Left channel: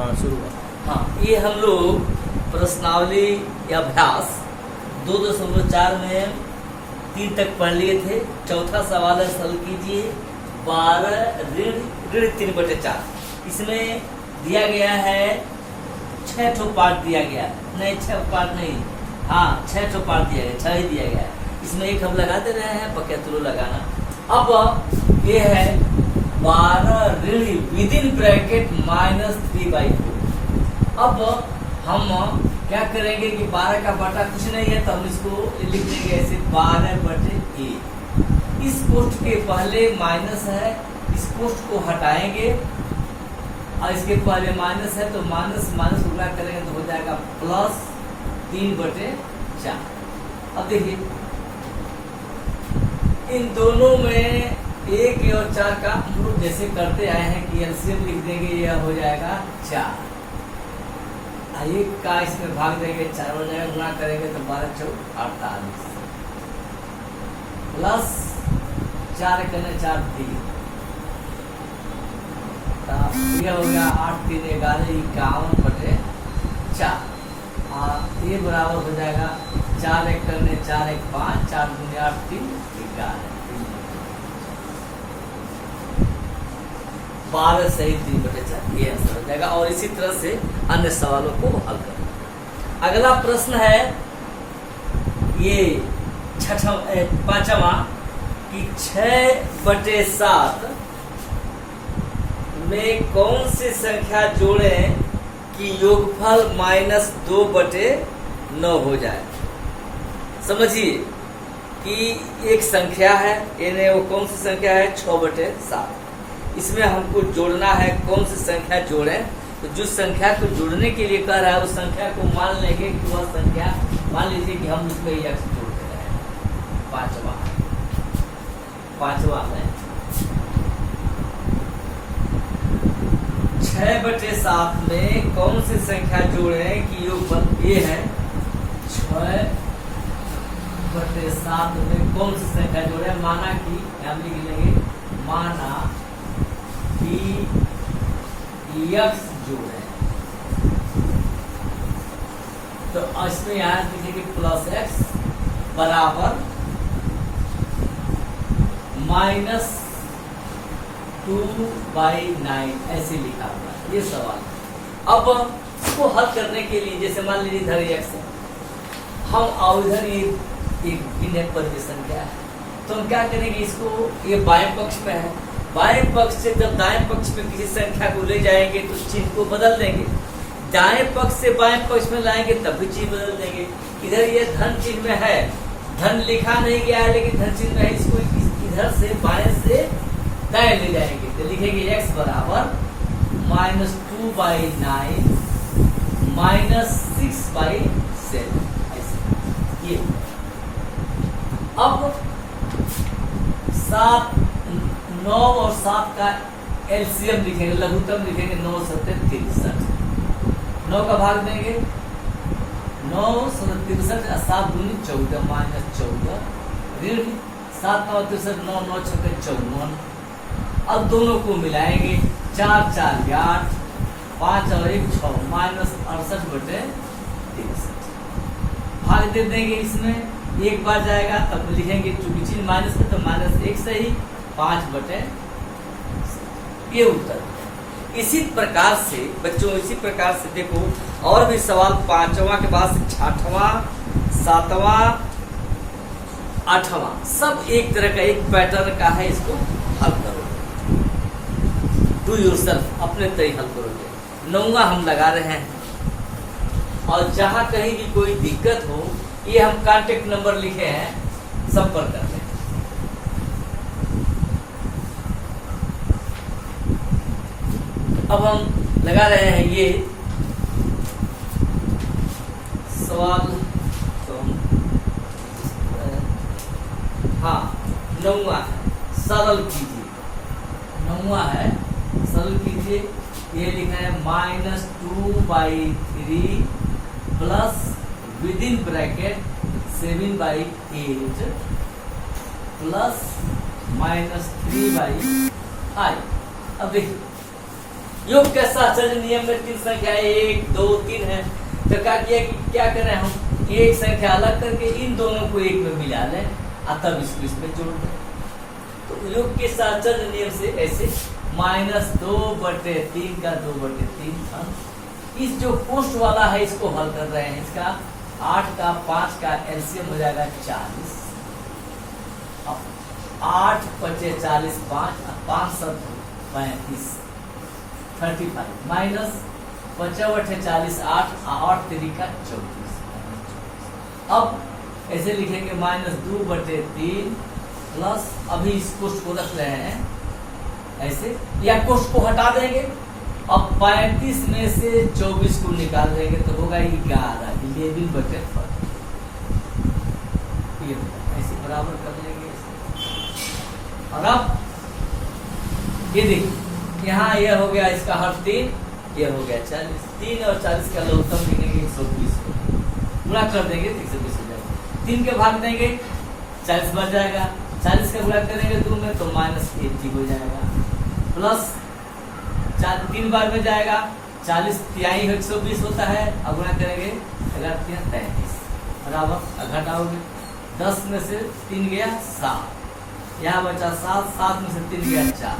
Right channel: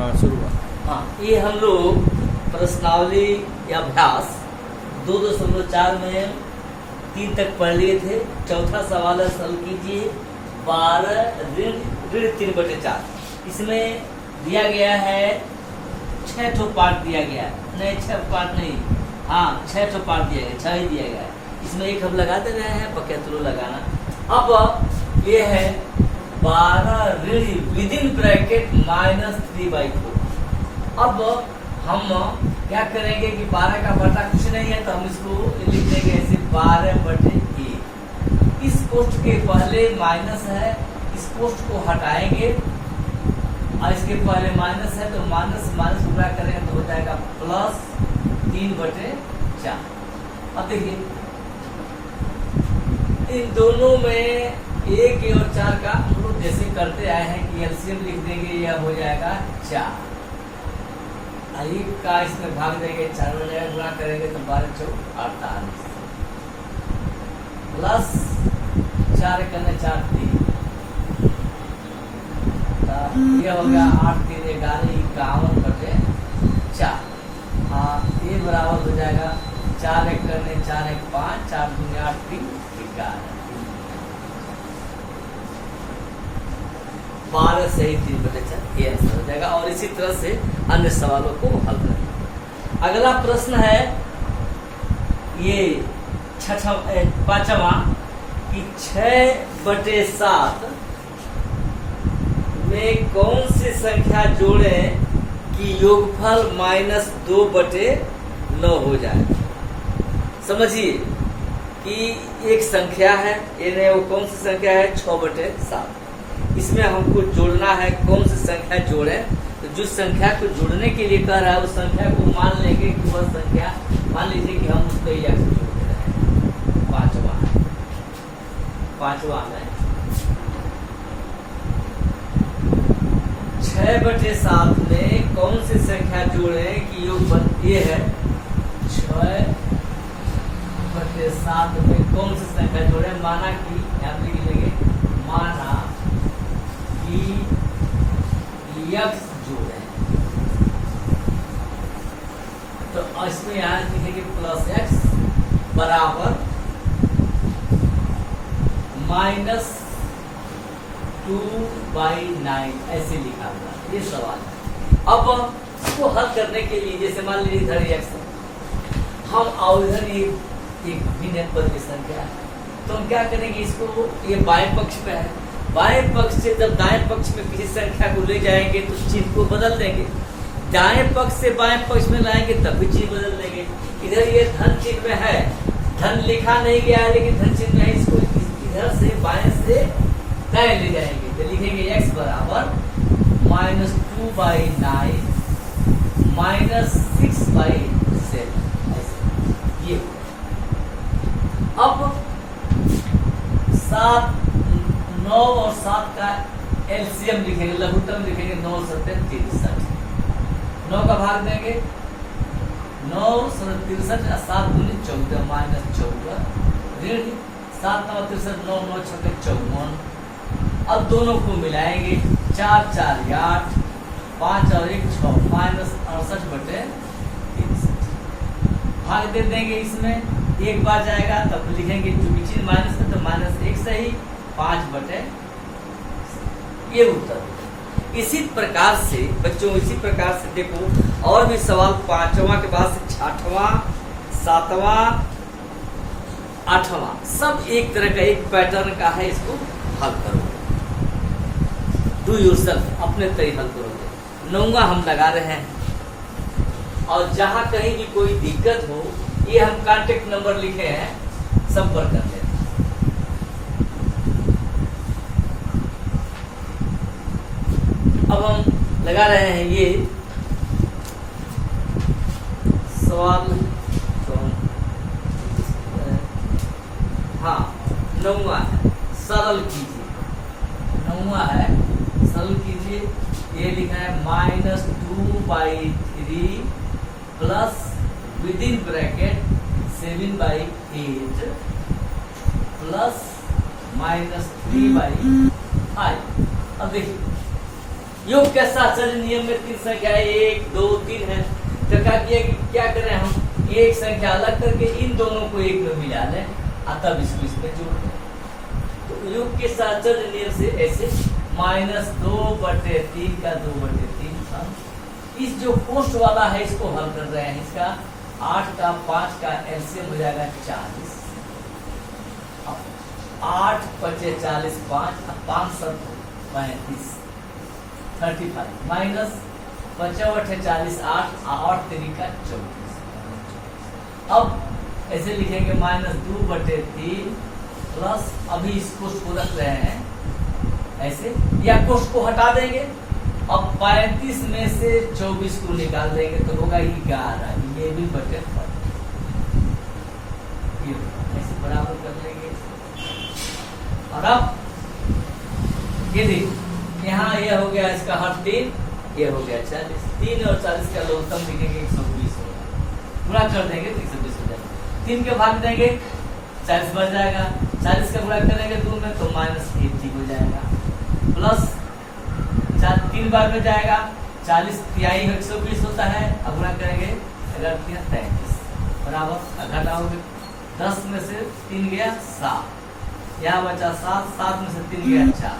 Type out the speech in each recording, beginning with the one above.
हाँ शुरू हुआ। हाँ, ये हम लोग प्रश्नावली या अभ्यास 2.4 में 3 तक पढ़ लिए थे। चौथा सवाल है हल कीजिए 12 ऋण 3/4। इसमें दिया गया है 6 ठो पार्ट दिया गया है, नहीं 6 पार्ट नहीं, हाँ 6 ठो पार्ट दिया गया, 6 ही दिया गया है। इसमें एक हम लगा दे रहे हैं, बकैतलो लगाना। अब ये है 12 ऋण विदिन ब्रैकेट -3/4। अब हम क्या करेंगे कि 12 का बटा कुछ नहीं है, तो हम इसको लिख देंगे ऐसे 12/1। इस कोष्ठ के पहले माइनस है, इस कोष्ठ को हटाएंगे और इसके पहले माइनस है तो माइनस माइनस गुणा करेंगे तो हो जाएगा +3/4। अब देखिए इन दोनों में 1 और 4 का हम लोग जैसे करते आए हैं कि एलसीएम लिख देंगे, यह हो जाएगा 4। 1 का इसमें भाग देंगे, 4 हो जाएगा, गुणा करेंगे तो 12 × 48 प्लस 4 × 4 3, यह हो गया 8 3 11 51/4। ये बराबर हो जाएगा 4 1 × 4 1 5, 4 दूनी 8 3 11, 12 सही 3/4 ये आंसर हो जाएगा। और इसी तरह से अन्य सवालों को हल करें। अगला प्रश्न है ये 5वां कि 6/7 में कौन सी संख्या जोड़ें कि योगफल -2/9 हो जाए। समझिए कि एक संख्या है, यानी वो कौन सी संख्या है 6/7। इसमें हमको जोड़ना है, कौन सी संख्या जोड़ें। तो जो संख्या को जोड़ने के लिए कह रहा है उस संख्या को मान लेंगे कि वह संख्या, मान लीजिए कि हम उसको x जोड़ दे रहे हैं। 5वां में 6/7 में कौन सी संख्या जोड़ें कि योगफल ये है 6/7 में कौन सी संख्या जोड़े। माना कि हम लिख लेंगे, माना कि x जोड़े, तो इसमें यहाँ लिखेंगे +x बराबर -2/9 ऐसे लिखा हुआ। ये सवाल है। अब इसको हल करने के लिए जैसे मान लीजिए इधर x है, हम और इधर एक भिन्न पद संख्या है, तो हम क्या करेंगे, इसको ये बाएं पक्ष पे है, बाएं पक्ष से जब दाएं पक्ष में किसी संख्या को ले जाएंगे तो चीज को बदल देंगे। दाएं पक्ष से बाएं पक्ष में लाएंगे तब भी चीज बदल देंगे। इधर ये धन चिन्ह में है, धन लिखा नहीं गया है लेकिन धन चिन्ह में है, इसको इधर से बाएं से दाएं ले जाएंगे तो लिखेंगे x बराबर -2/9 -6/7 ऐसे। ये अब 7 9 और 7 का एलसीएम लिखेंगे, लघुत्तम लिखेंगे 9 7 63। 9 का भाग देंगे, 9 7 63, 7 दूनी 14 -14 ऋण 7 9 63, 9 9 6 54। अब दोनों को मिलाएंगे, 4 4 8, 5 और 1 6 -68/63 भाग दे देंगे। इसमें एक बार जाएगा तब लिखेंगे, चूंकि चीज माइनस है तो -1 सही 5/, ये उत्तर। इसी प्रकार से बच्चों, इसी प्रकार से देखो और भी सवाल 5वां के बाद से 6वां 7वां 8वां सब एक तरह का एक पैटर्न का है। इसको हल करो, डू योरसेल्फ, अपने तरीके हल करोगे। 9वां हम लगा रहे हैं और जहां कहीं भी कोई दिक्कत हो, ये हम कांटेक्ट नंबर लिखे हैं, संपर्क कर लें। अब हम लगा रहे हैं ये सवाल, हाँ 9वां है, सरल कीजिए। 9वां है, सरल कीजिए। ये लिखा है -2/3 प्लस विदिन ब्रैकेट 7/8 प्लस -3/5। अब देखिए योग के साहचर्य नियम में तीन संख्या 1, 2, 3 है। तो क्या करें हम, एक संख्या अलग करके इन दोनों को एक में मिला लें और तब इसको इसमें जोड़ दें। तो योग के साहचर्य नियम से ऐसे -2/3 का 2/3 था। इस जो पोस्ट वाला है इसको हल कर रहे हैं। इसका 8 का 5 का एलसीएम हो जाएगा 40। 8 × 5 = 40, 5 और 5 × 35 35 माइनस 5 × 8 = 40, 8 और 3 का 24। अब ऐसे लिखेंगे -2/3 प्लस, अभी इस कोष्ठ को रख रहे हैं ऐसे, या कोष्ठ को हटा देंगे। अब 35 में से 24 को निकाल देंगे तो होगा 11/4। ये ऐसे बराबर कर लेंगे। और अब ये देखिए, यहाँ यह हो गया इसका हर 3, ये हो गया 40। 3 और 40 का लघुत्तम लिखेंगे 120 होगा। गुणा कर देंगे तो 120 हो जाएगा। 3 के भाग देंगे 40 बच जाएगा। 40 का गुणा करेंगे 2 में तो -80 हो जाएगा। प्लस 3 बार में जाएगा, 40 तिहाई 120 होता है। अब गुणा करेंगे 11 × 3 = 33 बराबर। घटाओगे 10 में से 3 गया 7, यहाँ बचा 7, 7 में से 3 गया 4।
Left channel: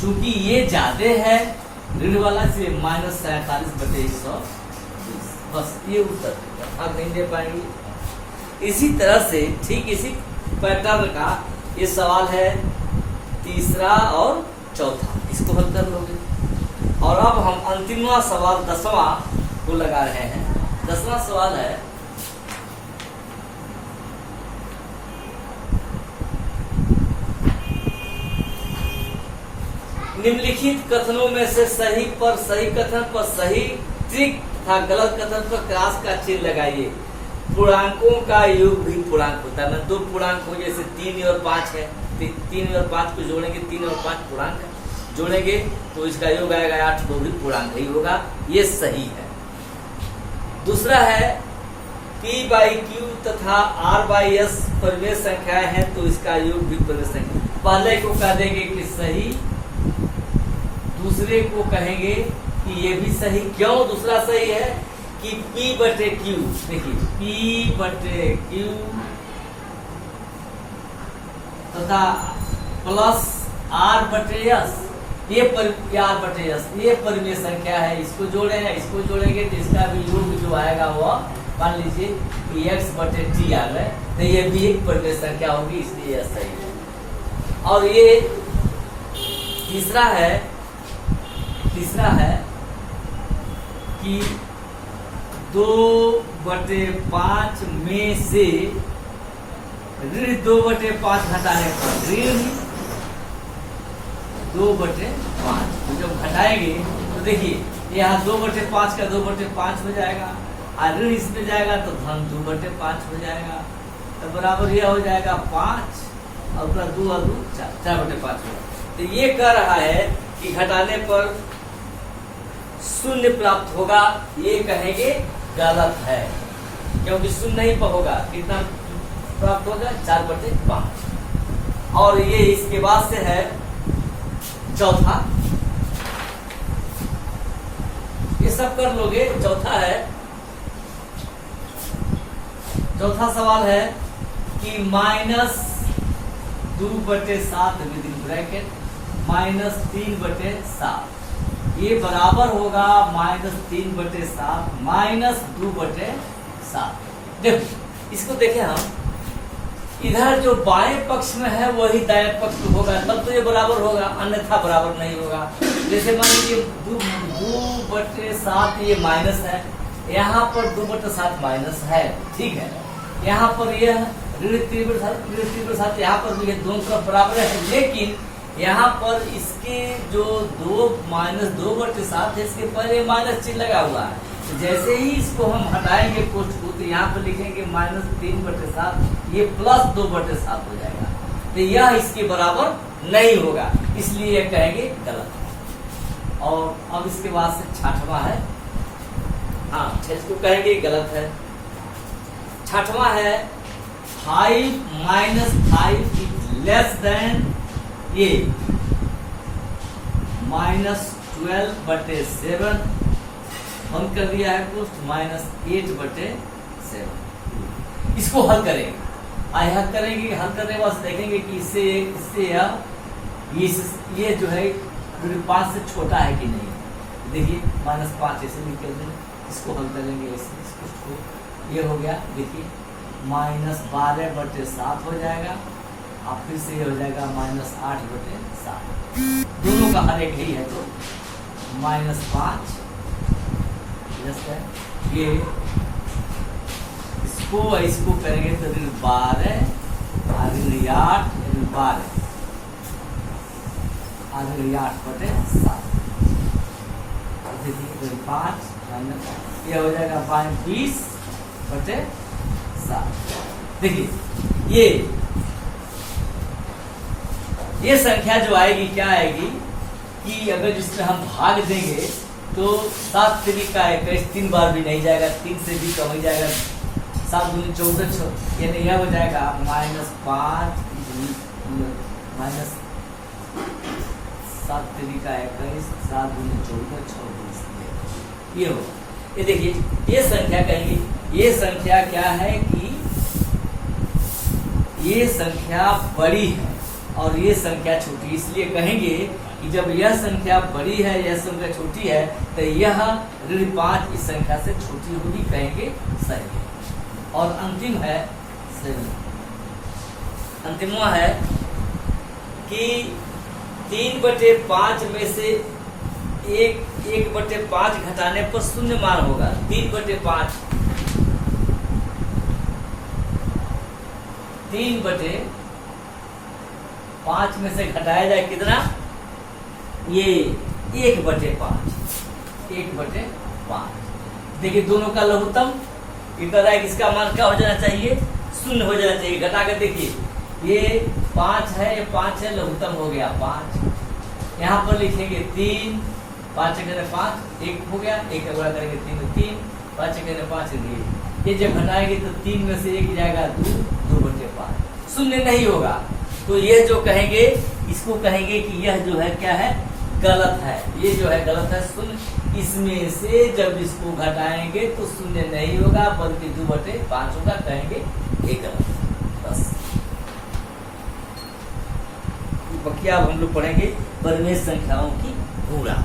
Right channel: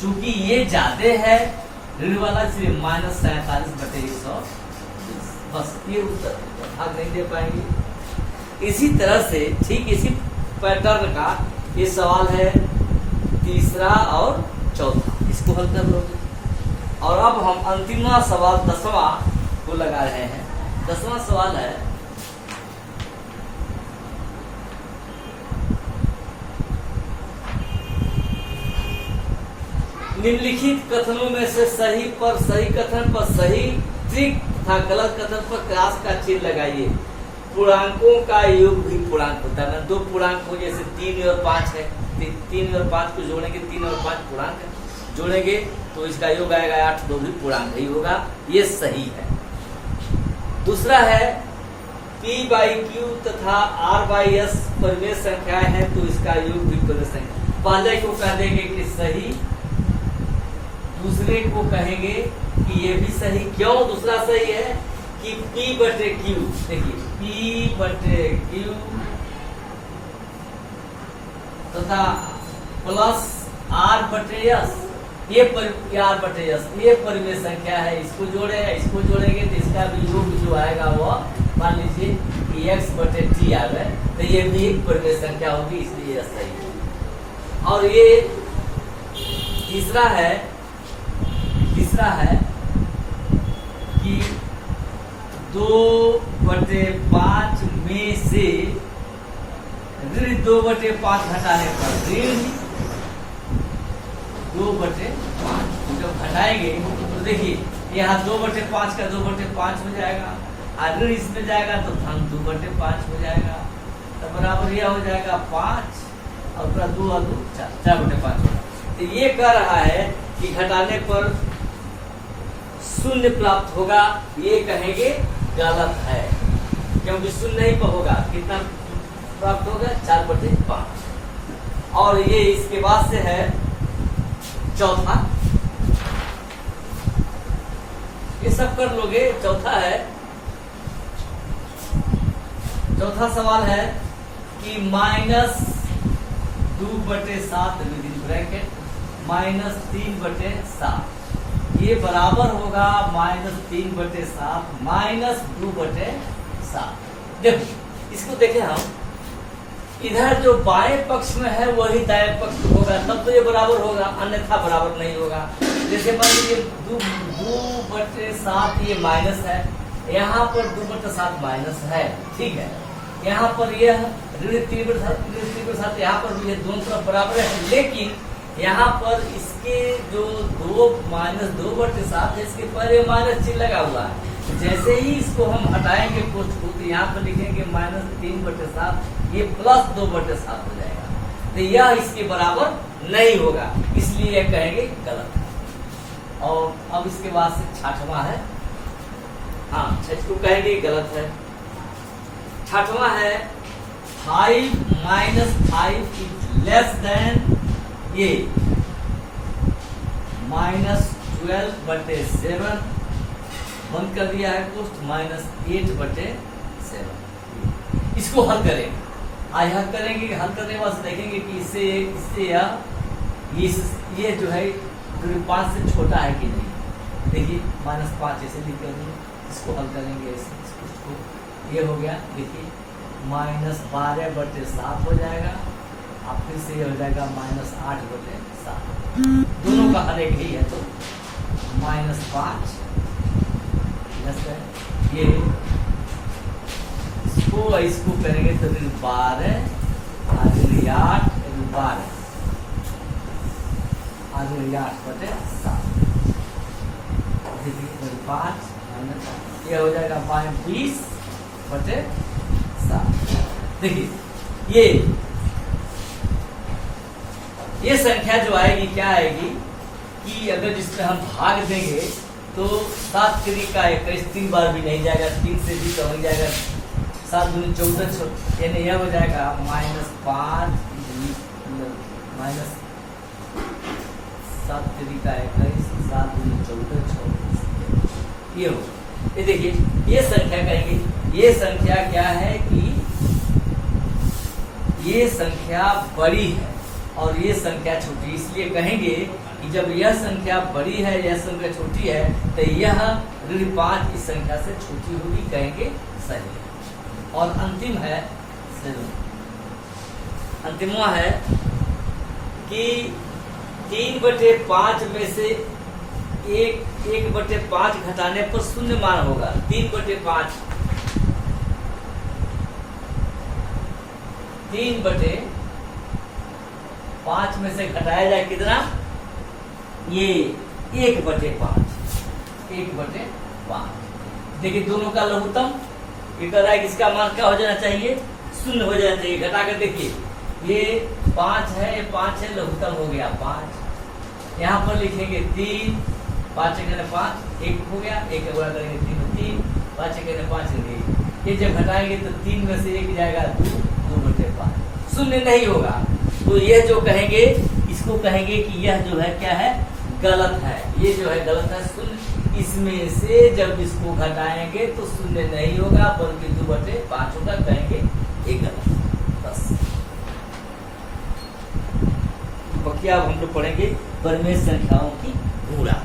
चूंकि ये ज्यादा है ऋण वाला, इसलिए -47/120। बस ये उत्तर भाग नहीं दे पाएंगे। इसी तरह से ठीक इसी पैटर्न का ये सवाल है तीसरा और चौथा, इसको हल कर लोगे। और अब हम अंतिमवा सवाल 10वां को लगा रहे हैं। 10वां सवाल है निम्नलिखित कथनों में से सही कथन पर सही ट्रिक तथा गलत कथन पर क्रॉस का चिन्ह लगाइए। पूर्णांकों का योग भी पूर्णांक होता है। 2 पूर्णांक हो, जैसे 3 और 5 है, 3 और 5 को जोड़ेंगे, 3 और 5 पूर्णांक है, जोड़ेंगे तो इसका योग आएगा 8, वो भी पूर्णांक ही होगा। ये सही है। दूसरा है P/Q तथा R/S परिमेय संख्याएं हैं तो इसका योग भी परिमेय संख्या। पहले को कह देंगे कि सही, दूसरे को कहेंगे कि ये भी सही। क्यों दूसरा सही है कि P/Q, देखिए P/Q तथा प्लस R/S, ये R/S ये परिमेय संख्या है। इसको जोड़ेंगे तो इसका भी योग जो आएगा वो मान लीजिए कि x/t आ गए, तो ये भी एक परिमेय संख्या होगी, इसलिए यह सही है। और ये तीसरा है कि 2/5 में से ऋण 2/5 घटाने पर ऋण 2/5, तो जब घटाएंगे तो देखिए यहाँ 2/5 का 2/5 हो जाएगा, और ऋण इसमें जाएगा तो धन 2/5 हो जाएगा। तो बराबर यह हो जाएगा 5 और पूरा 2 और 2 4/5 होगा। तो ये कह रहा है कि घटाने पर 0 प्राप्त होगा। ये कहेंगे गलत है, क्योंकि 0 नहीं होगा। कितना प्राप्त होगा? 4/5। और ये इसके बाद से है चौथा, ये सब कर लोगे। चौथा सवाल है कि -2/7 विदिन ब्रैकेट -3/7 ये बराबर होगा -3/7 -2/7। देखो इसको देखें हम, इधर जो बाएं पक्ष में है वही दाएं पक्ष में होगा, तब तो ये बराबर होगा, अन्यथा बराबर नहीं होगा। जैसे मान लीजिए 2/7 ये माइनस है, यहाँ पर 2/7 माइनस है, ठीक है। यहाँ पर यह ऋण 3/7 यहाँ पर भी दोनों तरफ बराबर है, लेकिन यहाँ पर इसके जो 2/7 है, इसके पहले माइनस चिन्ह लगा हुआ है। तो जैसे ही इसको हम हटाएंगे कोष्ठ को, तो यहाँ पर लिखेंगे -3/7, ये +2/7 हो जाएगा। तो यह इसके बराबर नहीं होगा, इसलिए यह कहेंगे गलत है। और अब इसके बाद से छठवां है, हाँ इसको कहेंगे गलत है। छठवां है 5 - 5 इज लेस देन ये -2 12/7 बंद कर दिया है कोष्ठ -8/7। इसको हल करेंगे, हल करेंगे। हल करने के बाद देखेंगे कि इससे ये जो है 5 से छोटा है कि नहीं। देखिए -5 ऐसे लिख कर इसको हल करेंगे। इसको ये हो गया, देखिए -12/7 हो जाएगा और फिर से ये हो जाएगा -8/7। दोनों का हर एक ही है तो -5 ये इसको करेंगे तो 12 और 8 12 और 8/7। देखिए 5 माइनस ये हो जाएगा 20/7। देखिए ये संख्या जो आएगी क्या आएगी कि अगर जिसमें हम भाग देंगे तो 7 3 का 21 3 बार भी नहीं जाएगा, 3 से भी कम हो जाएगा। 7 दूनी 14 यानी यह हो जाएगा -5 7 3 का 21 7 दूनी 14 24। ये हो, ये देखिए ये संख्या कहेंगे। ये संख्या क्या है कि ये संख्या बड़ी है और ये संख्या छोटी, इसलिए कहेंगे कि जब यह संख्या बड़ी है यह संख्या छोटी है तो यह -5 इस संख्या से छोटी होगी, कहेंगे सही। और अंतिम है 7। अंतिमवा है कि 3/5 में से 1/5 घटाने पर शून्य मान होगा। 3/5 में से घटाया जाए कितना, ये 1/5। देखिए दोनों का लघुत्तम ये कह रहा है कि इसका मान क्या हो जाना चाहिए, 0 हो जाना चाहिए। घटा कर देखिए ये 5 है, ये 5 है, लघुत्तम हो गया 5। यहाँ पर लिखेंगे 3 5 1 5 1 हो गया, 1 का गुणा करेंगे 3 5 1 5 1। ये जब घटाएंगे तो 3 में से 1 जाएगा 2/5, 0 नहीं होगा। तो ये जो कहेंगे इसको कहेंगे कि यह जो है क्या है, गलत है। ये जो है गलत है, 0 इसमें से जब इसको घटाएंगे तो 0 नहीं होगा बल्कि 2/5 होगा, कहेंगे ये गलत है। बस बाकी अब हम लोग पढ़ेंगे परिमेय संख्याओं की गुणा।